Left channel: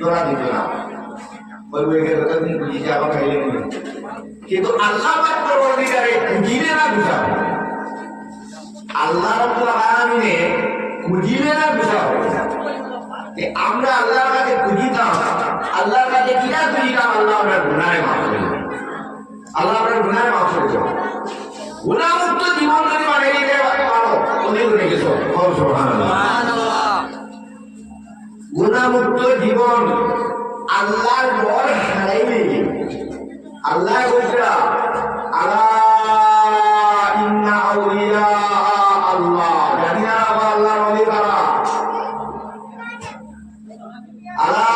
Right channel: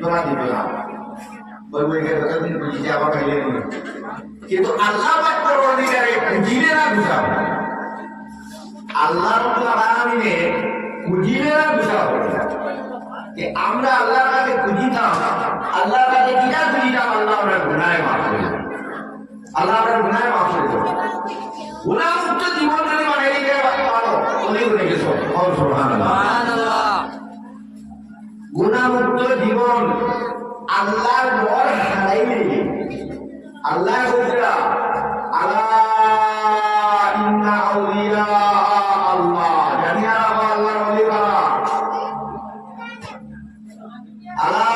দোয়া দিত না, বলবো এখানে বুঝিয়ে আবার খাইয়ে নিয়ে। কিন্তু আল্লাহ পাক পরবর্তীকালে খুঁজিবে না বুঝাও, আল্লাহ রাব্বুল আলামিনে খুঁজিবে না বুঝাও। আমরা আল্লাহর কাছে খুঁজিতাম, আল্লাহর কাছে কিনা খুঁজিতাম, আল্লাহ আপনার গুনাহে মাফ করে দেন, আল্লাহ আপনার গুনাহে মাফ করে দেন। গুনাহমুক্ত জীবন যদি মানে নিতে পারো, অনেক হয়ে গেছো। সুবহানাল্লাহ। গুনাহমুক্ত জীবন আল্লাহর ডর হারাইলে, আল্লাহ বলছিলা আলা ইন্না আউলিয়া আল্লাহ, জানি না আল্লাহর ওলি কারা, আলা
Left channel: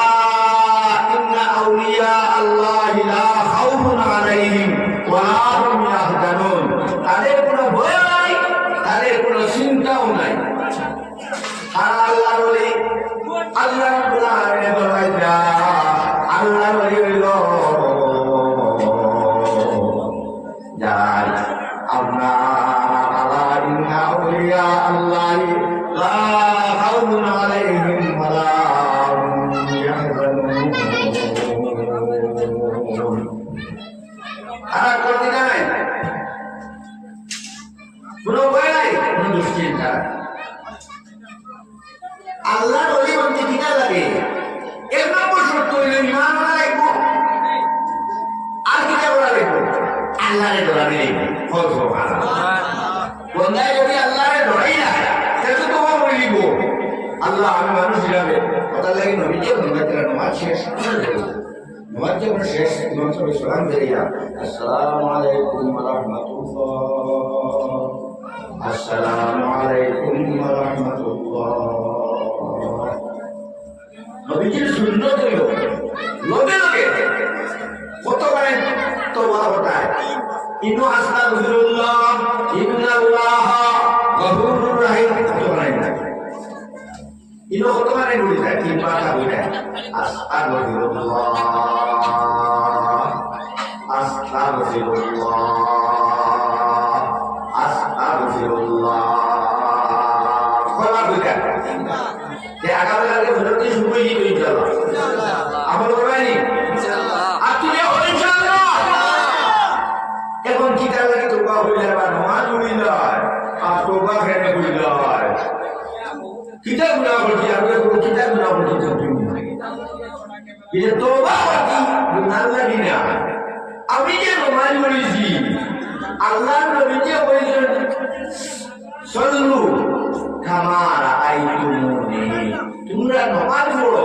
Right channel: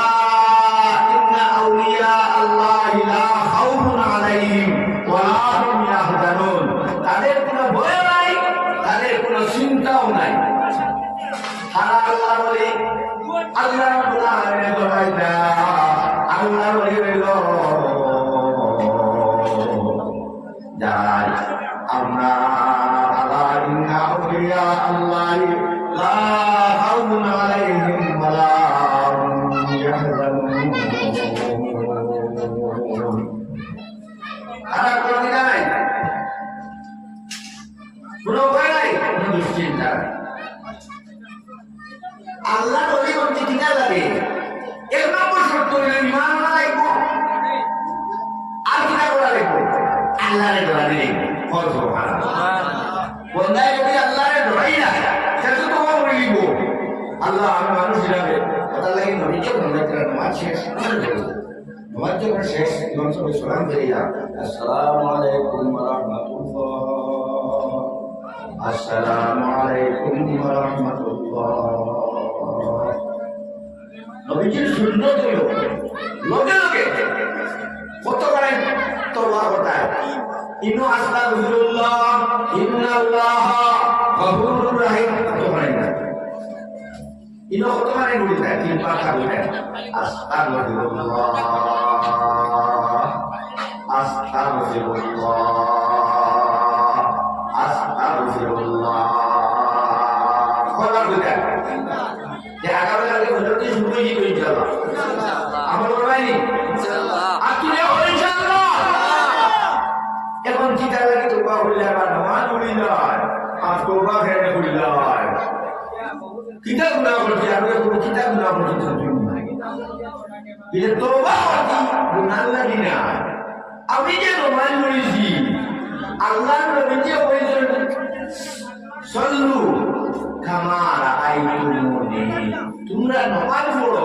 ইন্না আউলিয়া আল্লাহ লা খাউফুন আলাইহিম ওয়া লা হুম ইয়াহজানুন, তাদের কোনো ভয় নাই, তাদের কোনো চিন্তাও নাই। তারা আল্লাহর ওলি, আল্লাহ রাব্বুল আলামিন বলেন আল্লাহর ওলি হইল যার আমরা আলা ইন্না আউলিয়া আল্লাহ লা খাউফুন আলাইহিম ওয়া লা হুম ইয়াহজানুন। তারা কোনো নাই, কোনো ভয় নাই, কোনো দুশ্চিন্তা। আল্লাহর ওলি বলতে কিনা যাবে, এক নম্বর শর্ত হইল ইমান আনা লাগব, আর কিনা করা লাগব, আল্লাহরে ডরাবি লাগব। বন্ধায় যদি আল্লাহরে ডরাই না, সেটা তো তোমার বলে দিব আল্লাহ আমি মানুষ হিসাবে কথা লাগে নবীকে বন্ধায় নমাজ শেষ, নমাজ যখন শেষ ইমাম সাহেব সালাম দিয়া আসসালামু আলাইকুম ওয়া রাহমাতুল্লাহ, আসসালামু আলাইকুম ওয়া রাহমাতুল্লাহ। নবীজির সুন্নত হলো লগে লগে কত পারেন তওবা হতায়, ইন্নু আস্তাগফিরুল্লাহ ইন্নাল্লাহ গফুরুর রহিম, কত পারেন না ইনো কত পারেন বলি যায়, 3-5টা বলে আস্তাগফিরুল্লাহ আস্তাগফিরুল্লাহ আস্তাগফিরুল্লাহ, কয়বার বলে যে আগামী আগে হজরতে শুরু হয়ে যাবে ইনশাআল্লাহ, আমরা বলবাইনি ইনশাআল্লাহ, আর তুমি হল ইনশাআল্লাহ। এখন কি কাজ লাগে তওবা হইলে বা নামাজ পড়িলা, আর তওবা করে কইলা কিতা গুনাহ করছি, আর কোনো কিতা গুনাহ করছি তুমি বিলে তওবা করছি গুনাহ লাগি না। আমি যে নামাজ পড়িছি, আল্লাহর নবী যে কইছেন সল্লু কামা রাআইতুমুনি, তোমরা নামাজ পড়ো